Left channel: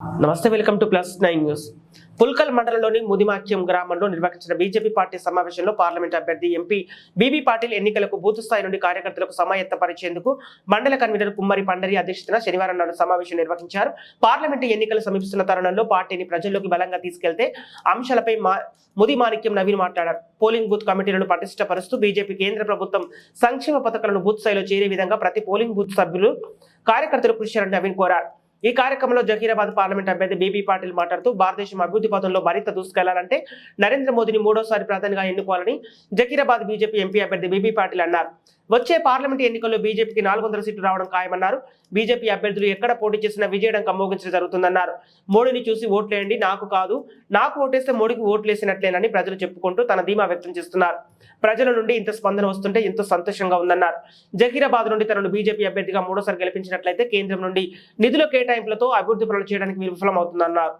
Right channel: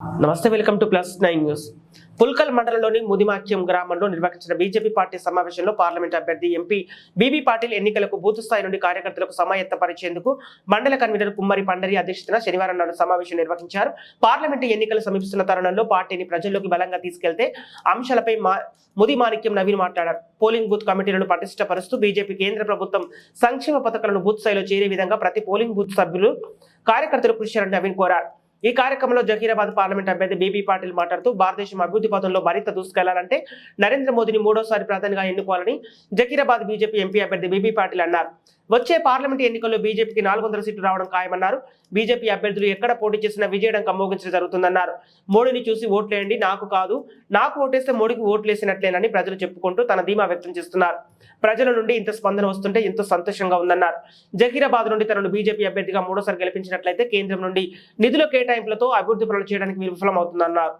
నమస్తే welcome to plus nine news. Pulkal మండలంలోని ముదిమాక్యం గ్రామంలో నిర్వహించిన బీజేపీ పార్టీ సమావేశంలో పార్లమెంట్ అభ్యర్థి ఎంపీ బీబీ పాటిల్ ఎన్నికలకు బూత్ స్థాయి నుండి కార్యకర్తలకు సమాయత్తపరిచేందుకు మండల కన్వీనర్ కుమ్మరి పండరి అధ్యక్షతన శనివారం నాడు సమావేశం నిర్వహించారు. పార్లమెంట్ ఎన్నికలు సమీపిస్తున్న తరుణంలో పార్టీని ప్రజల్లోకి బలంగా తీసుకెళ్తే అంశాలపై మా ముది మాణిక్యం నవీన్ మాట్లాడారు. పోలింగ్ బూత్ కమిటీలను పటిష్టపరుస్తూ బీజేపీ కేంద్ర ప్రభుత్వం సంక్షేమ పథకాలను బూత్ స్థాయిలో చేరే విధంగా ప్రతి పోలింగ్ బూత్ సభ్యులు కార్యకర్తలు కృషి చేయాలని నవీన్ కోరారు. ఈ కార్యక్రమంలో జహీరాబాద్ పార్లమెంట్ అభ్యర్థి బీబీ పాటిల్ మాట్లాడుతూ భారతదేశం అభివృద్ధి పథంలో మరింత దూసుకెళ్ళాలంటే నరేంద్ర మోదీని మూడోసారి ప్రధానిగా ఎన్నుకోవాలని జహీరాబాద్ బీజేపీ ఎంపీ అభ్యర్థి బీబీ పాటిల్ అన్నారు. వచ్చే పార్లమెంట్ ఎన్నికల్లో బీజేపీకి నాలుగు వందల సీట్లు రావడం ఖాయమన్నారు. బీజేపీ అభ్యర్థులు ఎక్కడ పోటీ చేసినా విజయడం కమ్మోగించడం జరుగుతుందన్నారు. మోడీని చూసి ఓట్లేయండి నాకు కాదు. నాకు ఓటేస్తే మోడీకి ఓట్లేసినట్లేనని ప్రజలు చెప్పుకుంటూ తన ధీమా వ్యక్తం చేస్తున్నారు. ప్రజల నుండి ఇంత స్పందన వస్తుంటే ఎంతో సంతోషంగా ఉందన్నారు. జకీరాబాద్ నుండి తనను బీజేపీ అభ్యర్థిగా మూడోసారి గెలిపించినట్లయితే కేంద్రం నుండి నిధుల కేటాయింపులతో అభివృద్ధి పనులు చేయడానికి విఫలమవుతుందన్నారు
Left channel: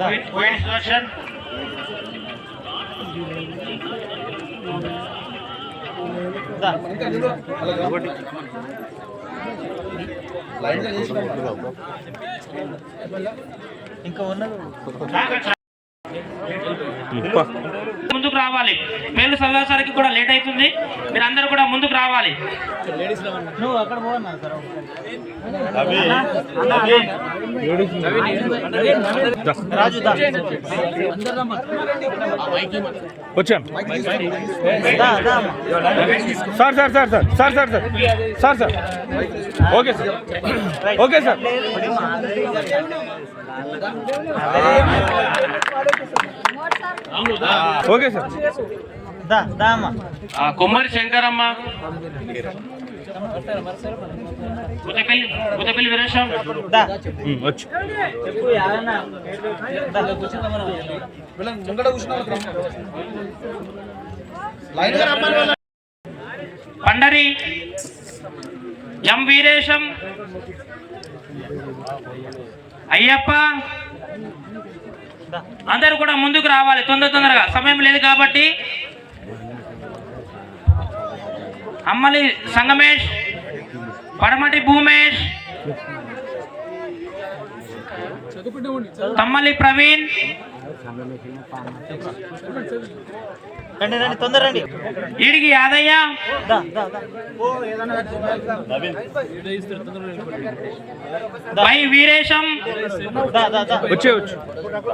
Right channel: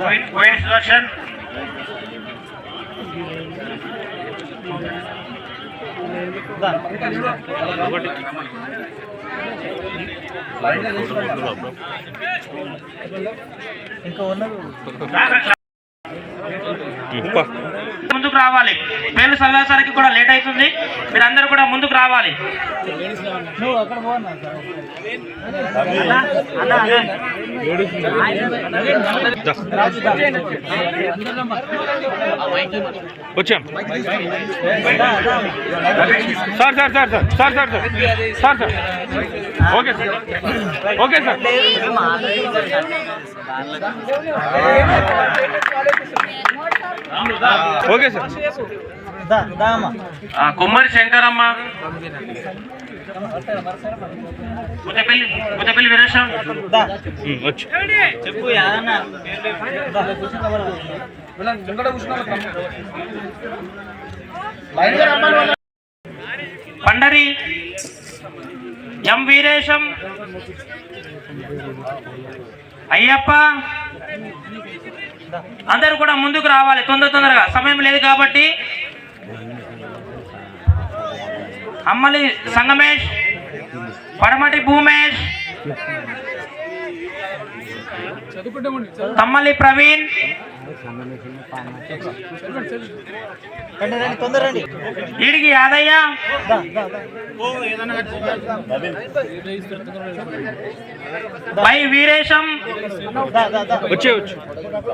Point, point ఇంకా ఉన్నారు ముందుకు రావాలి. పేర్లు సమావేశానికి కూడా లేట్ అవుతుంది. మీరు అందరూ కూడా ముందుకు రావాలి. వచ్చాం sir sir sir sir sir sir sir sir sir. Okay sir. Okay sir. Okay sir. Kummari Shankaramma. Pandari ఎం వీరేశం. అయ్యప్ప. అందరూ కూడా ముందుకు రావాలి తొందర తొందరగా. సమయం లేదు కాబట్టి. అమ్మలి సంగమేష్ పడమటి భూమేష్ తమ్మలి ప్రవీణ్ ఈడికి యాదయ్య. బై వీరేశం.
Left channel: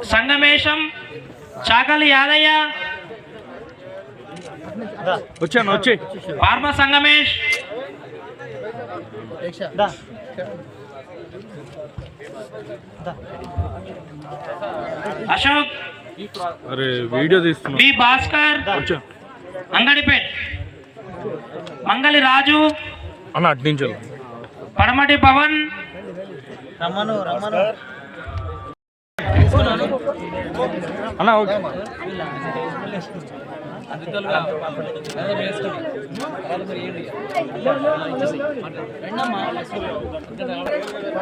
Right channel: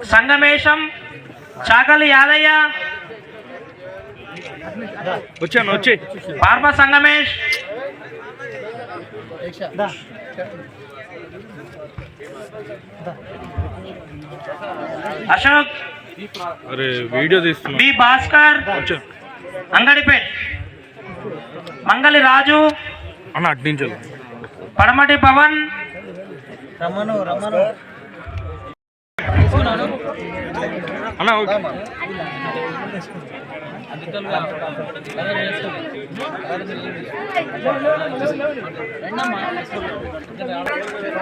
సంగమేశం. చాకలి యాదయ్య. వచ్చాను వచ్చే పార్మ సంగమేష్. అశోక్. వీడియో తీస్తున్నా. బి భాస్కర్ అంగడిపేట్. మంగళి రాజు అన్న. పడమటి పవన్ అన్న ఓకే.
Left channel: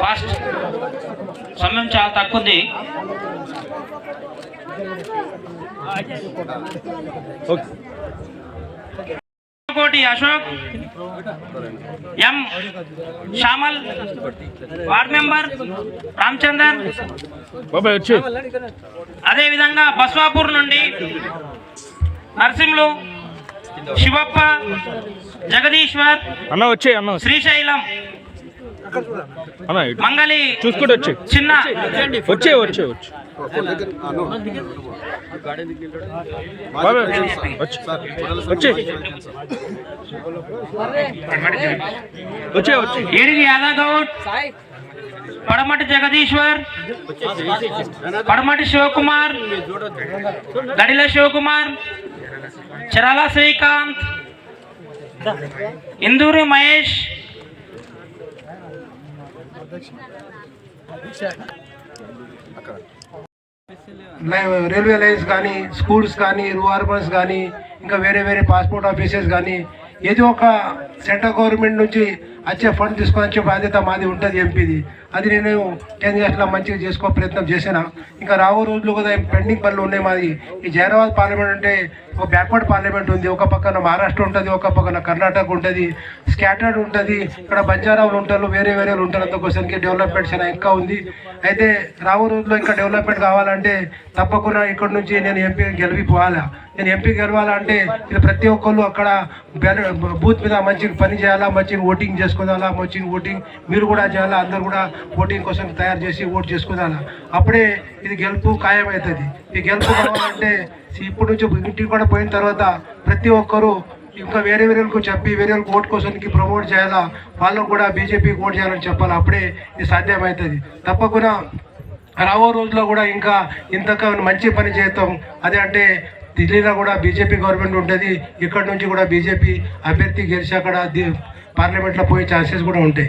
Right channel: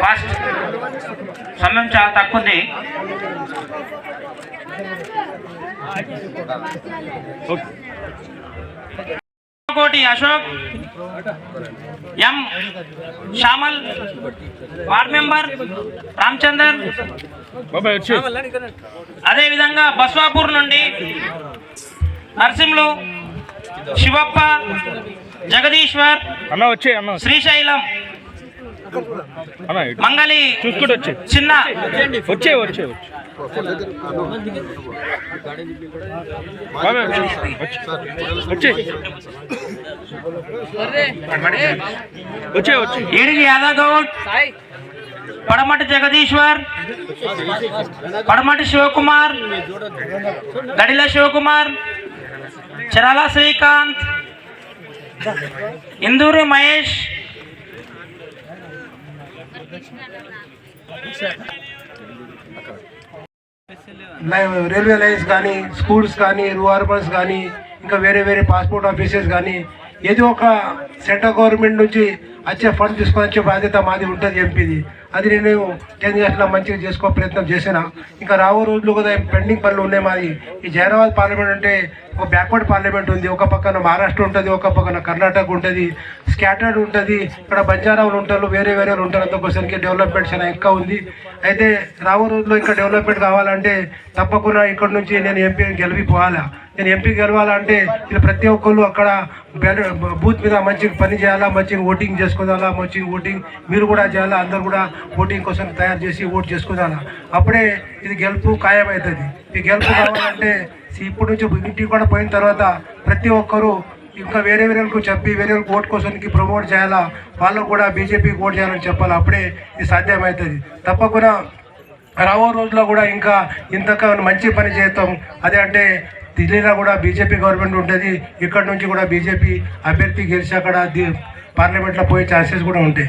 ఫాస్ట్. సమయం చాలా తక్కువ ఉంది Koti Ashok M Shyamal ward member Ramachandar అదేవిధంగా బస్వాపూర్ నుండి నర్సింహులు శివప్ప జగదీశ్వర్ శ్రీశైలం. మంగళి చూసుకుంటూ వచ్చే. చిన్న వచ్చే వచ్చే వచ్చే. వచ్చే. వచ్చే. యాదవ్ గౌడ్ పడమటి జగదీశ్వర్. పడమటి శివకుమార్. గడిల శివకుమార్. చరాల శ్రీకాంత్. ఇందూరు మహేష్. రైల్వే లైన్స్ కానీ స్కూల్స్ కానీ రూఆర్బన్స్ కానీ ఇంకా వేరే వేరే పాస్పోర్ట్ ఆఫీసెస్ కానీ ఏదో ఒక సెంట్రల్ గవర్నమెంట్ నుంచి వచ్చే ఫండ్ తీసుకొని వచ్చే బాధ్యత మాది ఉంటుంది ఎంపీది. అది నేను కేంద్ర రాష్ట్రంలో మంచిగా చేసుకో ప్రయత్నం చేసిన ఇంకా రాబో రోజులు కూడా పెండింగ్ పనులు ఉన్నాయి మాది. ఈ జైరాబాద్ పార్లమెంట్ అంటే ఒక బ్యాక్వర్డ్ పార్లమెంట్ ఉంది. ఒక పక్కన మహారాష్ట్ర ఉంటుంది ఒక పక్కన కర్ణాటక ఉంటుంది స్కాటర్డ్ ఉంటుంది ఇక్కడ బంజారాలు ఉంటారు వేరే వేరే ఉంటారు. అందుకోసానికి డెవలప్మెంట్ చాలా ఎక్కువ ఉంది. అయితే రాబో రోజుల్లో ఇంకా డెవలప్మెంట్ కావాలంటే తప్పకుండా ఇక్కడ నుంచి నేను ఎంపీ గెలిపిపోవాలా నేను ఎంపీ గెలవాలంటే ఇది ప్రతి ఒక్కళ్ళు అక్కడ బూత్ మీద మంచిగా పని చేయాలా? మంచిగా ఓటింగ్ చేసుకోవాలి మంచిగా ఓటింగ్ మీరు కూడా చేయాలా? అందరు కూడా ఓటింగ్ కోసం తయారు చేసి ఓటు చేసుకోవాలా అప్పుడే ఇది గెలుపు ఖాయమవుతుంది. ఈ గెలుపు కావాలంటే ఇప్పటి నుంచి ఇంటికి కూడా పోయిన తర్వాత ప్రతి ఒక్కరూ ఇంకా వేరే వేరేకు చెప్పి వేరే వాళ్ళకి ఓట్ కోసానికి ప్రమోట్ చేయాలా? వాళ్ళకు కూడా బీజేపీకి ఓట్ చేయాలని చెప్పాలి? అప్పుడే ఇది సాధ్యమవుతుంది. తప్పకుండా రాబో రోజుల్లో కూడా ఇంకా ఇంతక మంచి పని చేస్తాం. అదే అంటే ఢిల్లీలో కూడా బీజేపీ గవర్నమెంట్ ఉంటుంది ఇక్కడ నుంచి కూడా బీజేపీ అభ్యర్థి గెలిచి అక్కడ పార్లమెంట్లో పోయే ఛాన్సెస్ కూడా ఉంటాయి.